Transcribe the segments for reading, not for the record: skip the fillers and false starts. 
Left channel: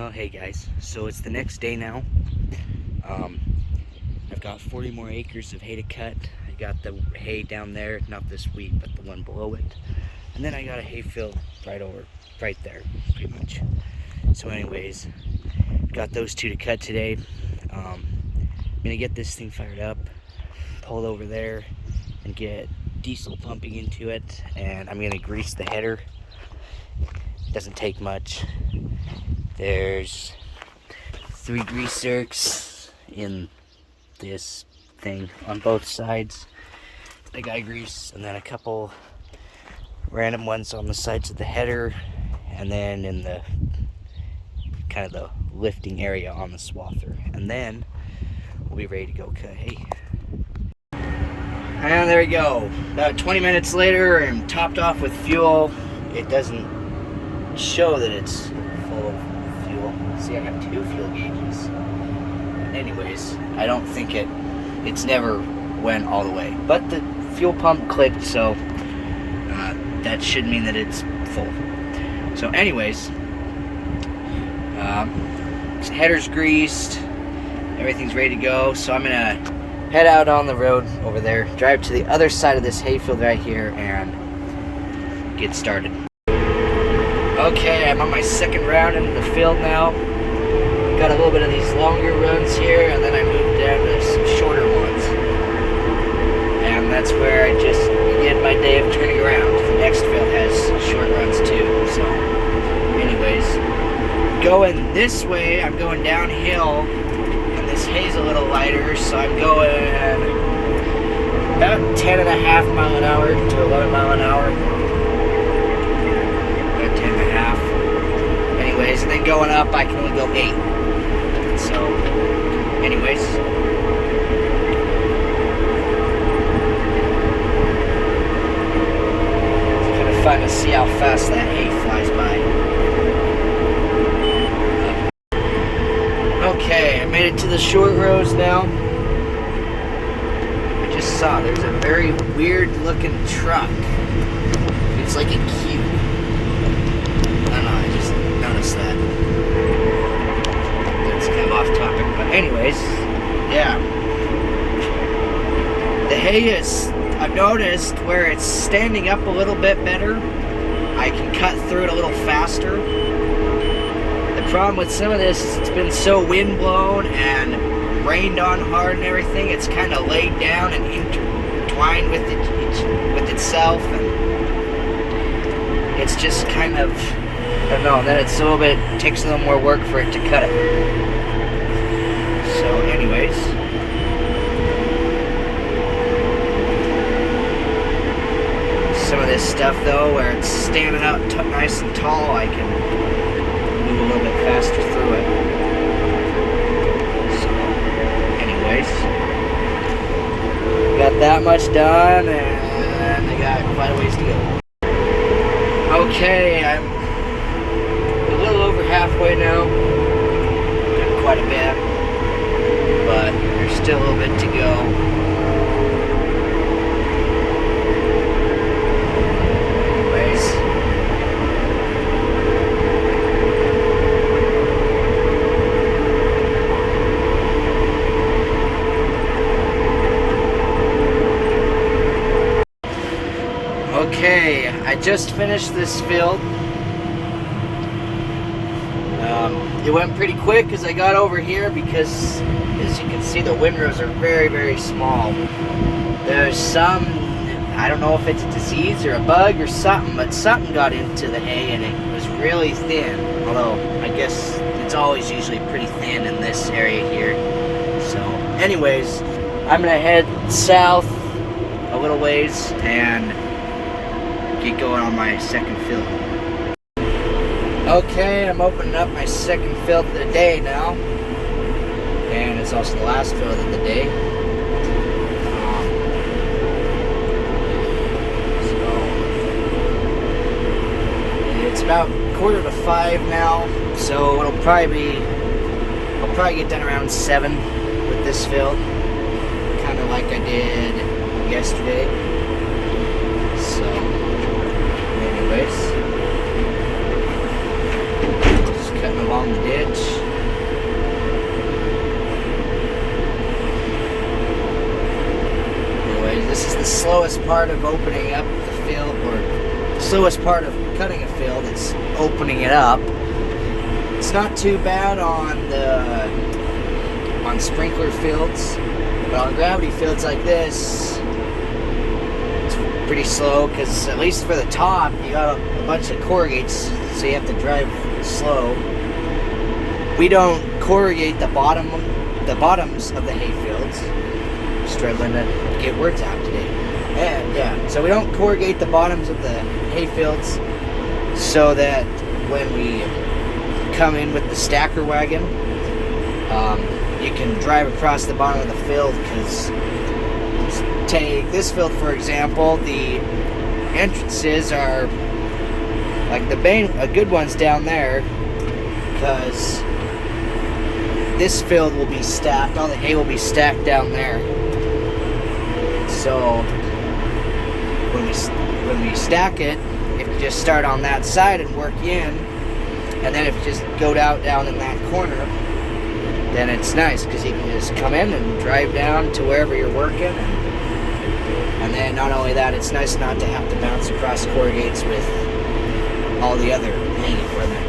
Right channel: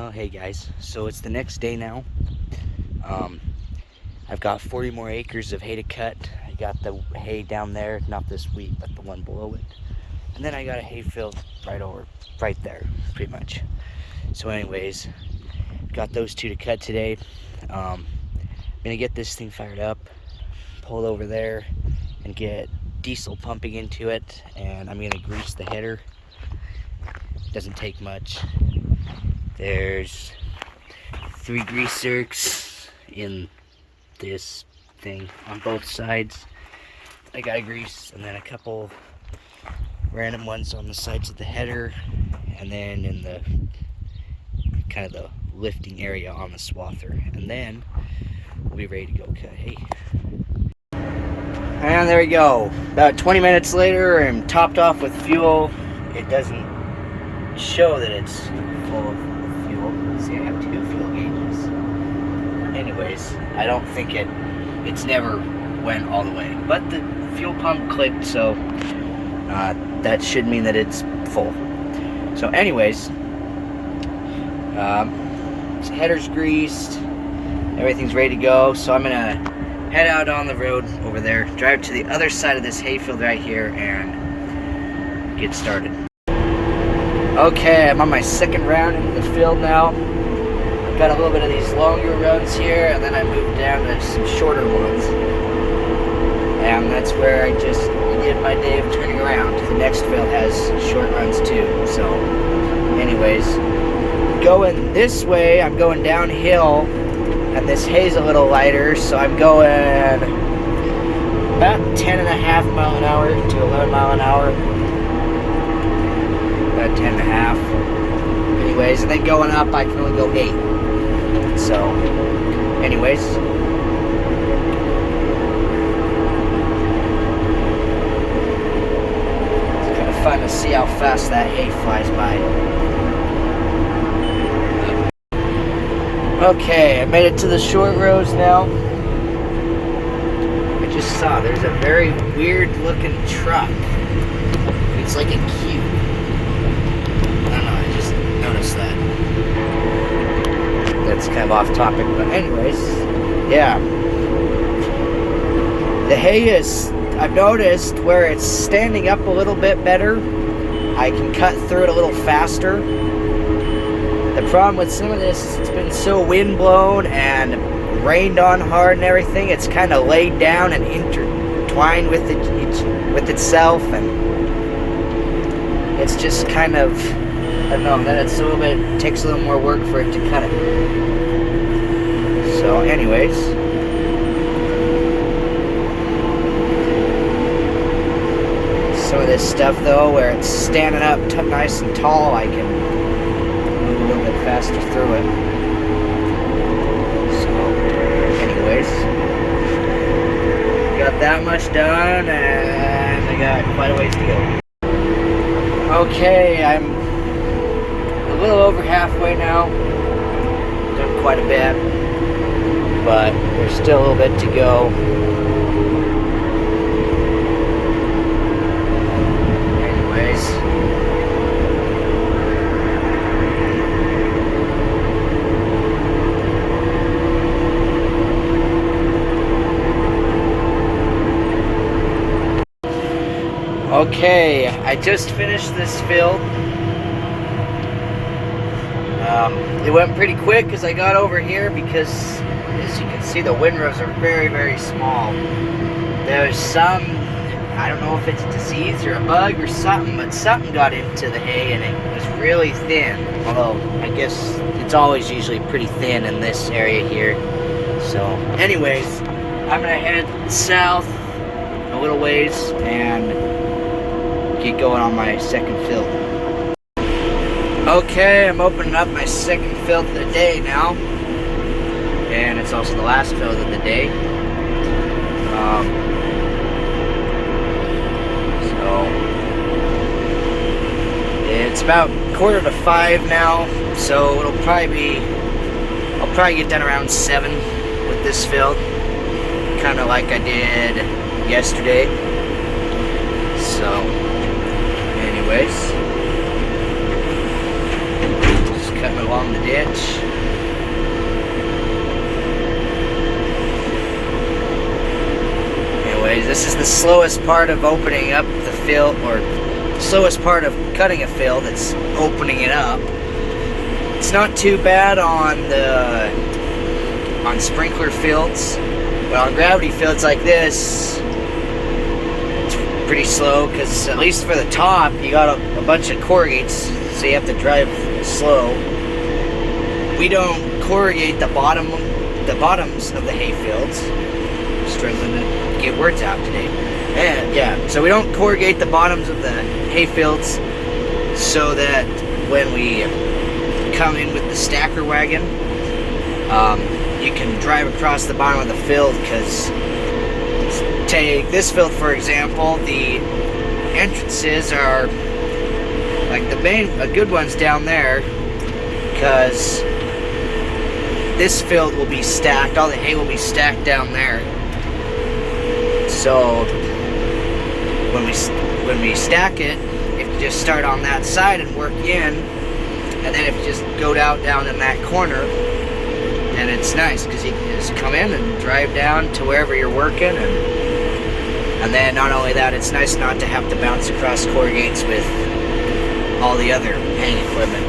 Well, hey guys, so it's the next day now. Um, I've got 40 more acres of hay to cut. I got the hay down there, not this wheat, but the one below it. And then I got a hay field right there, pretty much. So anyways, got those two to cut today. I'm gonna get this thing fired up, pull it over there, and get diesel pumping into it. And I'm gonna grease the header. Doesn't take much. There's 3 grease zerks in this thing on both sides. I gotta grease, and then a couple random ones on the sides of the header, and then in the kind of the lifting area on the swather. And then we'll be ready to go cut hay. And there we go. About 20 minutes later, I'm topped off with fuel. It doesn't show that it's full of fuel. See, I have 2 fuel gauges. Anyways, I don't think it's never went all the way. But the fuel pump clicked, so that should mean that it's full. So anyways, header's greased, everything's ready to go. So I'm gonna head out on the road over there, drive to the other side of this hayfield right here, and get started. Okay, I'm on my second round into the field now. Got a little bit of these longer runs here, and then I moved down to some shorter ones. And that's where I just did my day of turning around. The next field has short runs too. So anyways, going this way, I'm going downhill, and this hay's a little lighter, so I'm going about 10.5 mile an hour to 11 mile an hour. About 10.5. Anyways, and then going up, I can only go 8. So, anyways. It's kind of fun to see how fast that hay flies by. Okay, I made it to the short rows now. I just saw there's a very weird looking truck. It's like a cube. I don't know, I just noticed that. That's kind of off topic, but anyways, yeah. The hay is, I've noticed where it's standing up a little bit better, I can cut through it a little faster. The problem with some of this is it's been so wind blown and rained on hard and everything, it's kind of laid down and intertwined with itself, and it's just kind of, I don't know, then it's a little bit, it takes a little more work for it to cut it. So anyways, some of this stuff though, where it's standing up nice and tall, I can move a little bit faster through it. So anyways, got that much done, and I got quite a ways to go. Okay, I'm a little over halfway now. Done quite a bit, but there's still a little bit to go. Anyways, okay, I just finished this field. It went pretty quick as I got over here because, as you can see, the windrows are very, very small. There's some, I don't know if it's a disease or a bug or something, but something got into the hay and it was really thin. Although, I guess it's always usually pretty thin in this area here. So, anyways, I'm gonna head south a little ways and get going on my second field. Okay, I'm opening up my second field of the day now, and it's also the last field of the day. So it's about 4:45 now, so I'll probably get done around 7 with this field, kind of like I did yesterday. So anyways, just cutting along along the ditch. Anyways, this is the slowest part of opening up the field, or slowest part of cutting a field. It's opening it up. It's not too bad on sprinkler fields, but on gravity fields like this, it's pretty slow, because at least for the top, you got a bunch of corrugates, so you have to drive slow. We don't corrugate the bottoms of the hay fields. Struggling to get words out today. And yeah, so we don't corrugate the bottoms of the hay fields, so that when we come in with the stacker wagon, you can drive across the bottom of the field. Because take this field for example, the entrances are like the good ones down there, because this field will be stacked, all the hay will be stacked down there. So when we stack it, if you just start on that side and work in, and then if you just go down in that corner, then it's nice, because you can just come in and drive down to wherever you're working, and then not only that, it's nice not to have to bounce across corrugates with all the other haying equipment.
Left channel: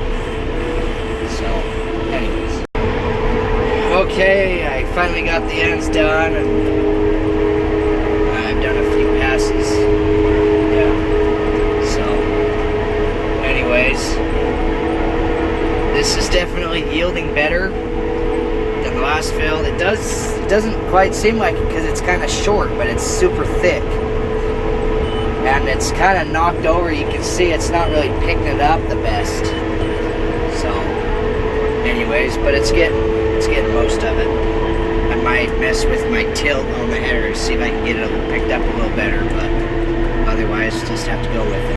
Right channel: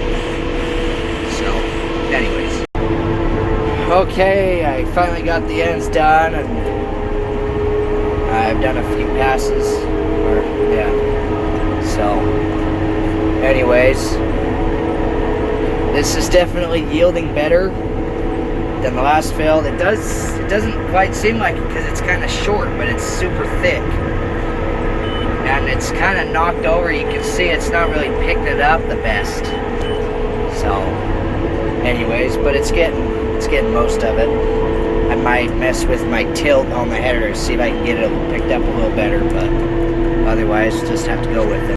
So, anyways. Okay, I finally got the ends done, and I've done a few passes. So, anyways, this is definitely yielding better than the last field. It doesn't quite seem like it, because it's kind of short, but it's super thick. And it's kind of knocked over. You can see it's not really picking it up the best. So, anyways, but it's getting most of it. I might mess with my tilt on the header to see if I can get it picked up a little better, but otherwise just have to go with it.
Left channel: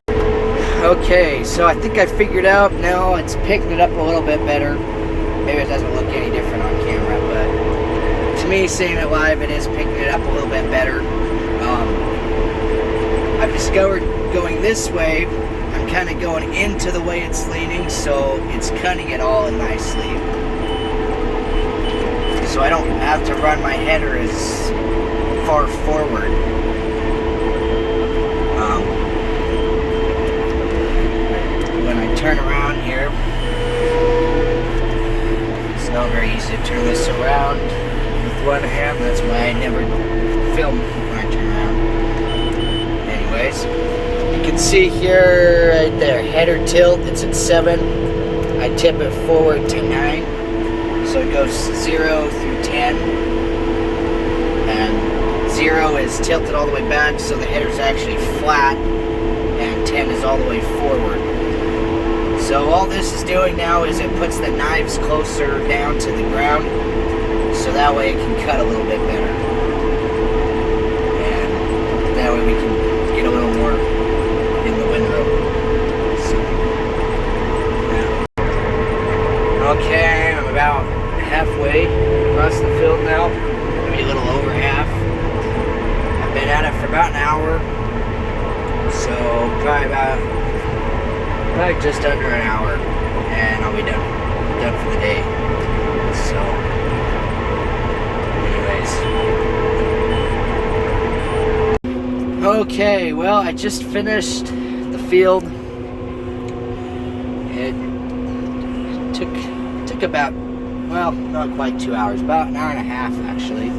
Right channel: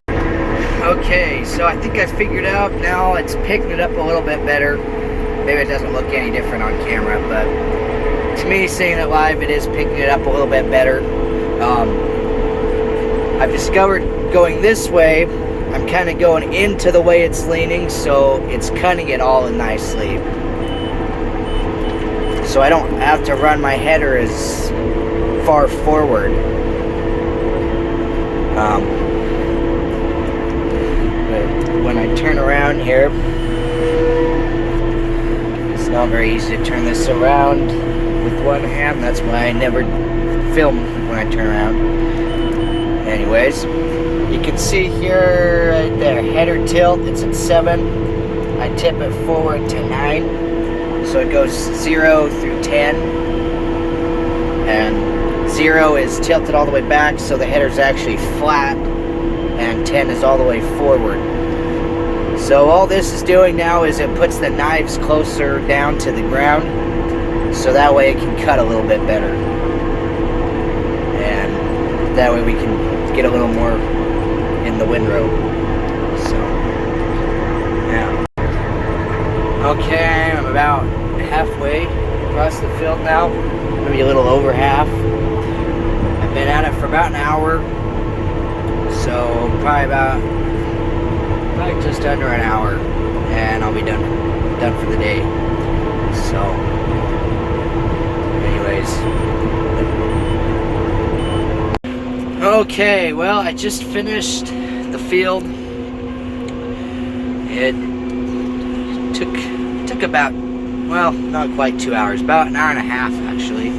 Okay, so I think I figured out now it's picking it up a little bit better. Maybe it doesn't look any different on camera, but to me, seeing it live, it is picking it up a little bit better. I've discovered going this way, I'm kind of going into the way it's leaning, so it's cutting it all in nicely. So I don't have to run my header as far forward. When I turn around here, it's not very easy to turn this around with one hand. That's why I never film when I turn around. Anyways, you can see here, right there, header tilt, it's at 7. I tip it forward to 9. So it goes 0 through 10. And 0 is tilted all the way back, so the header's actually flat. And 10 is all the way forward. So all this is doing now is it puts the knives closer down to the ground, so that way it can cut a little bit better. And that way we can get a little more in the windrow. So, yeah. Okay, I'm about halfway across the field now. Maybe a little over half. I've been at it for about an hour. So, probably just under an hour. And I'll be done for the day. So, anyways. Okay, well, I just finished the field. It took about, well, not quite 2 hours, about an hour and a half actually.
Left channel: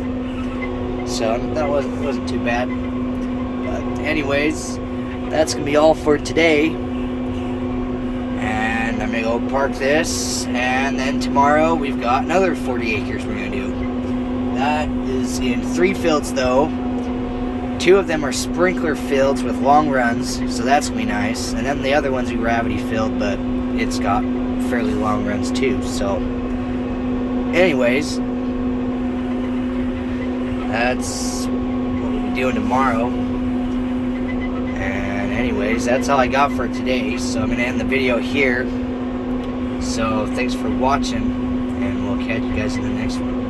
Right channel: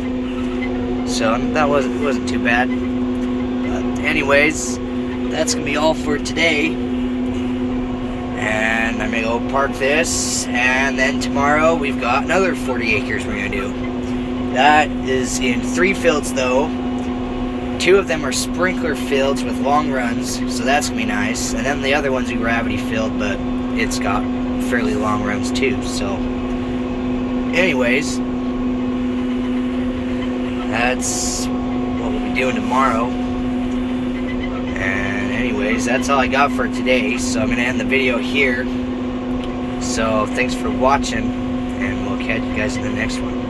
So that wasn't too bad. But anyways, that's gonna be all for today. And I'm gonna go park this, and then tomorrow we've got another 40 acres we're gonna do. That is in 3 fields though. 2 of them are sprinkler fields with long runs, so that's gonna be nice. And then the other one's a gravity field, but it's got fairly long runs too. So, anyways, that's what we'll be doing tomorrow. And anyways, that's all I got for today. So I'm gonna end the video here. So thanks for watching, and we'll catch you guys in the next one.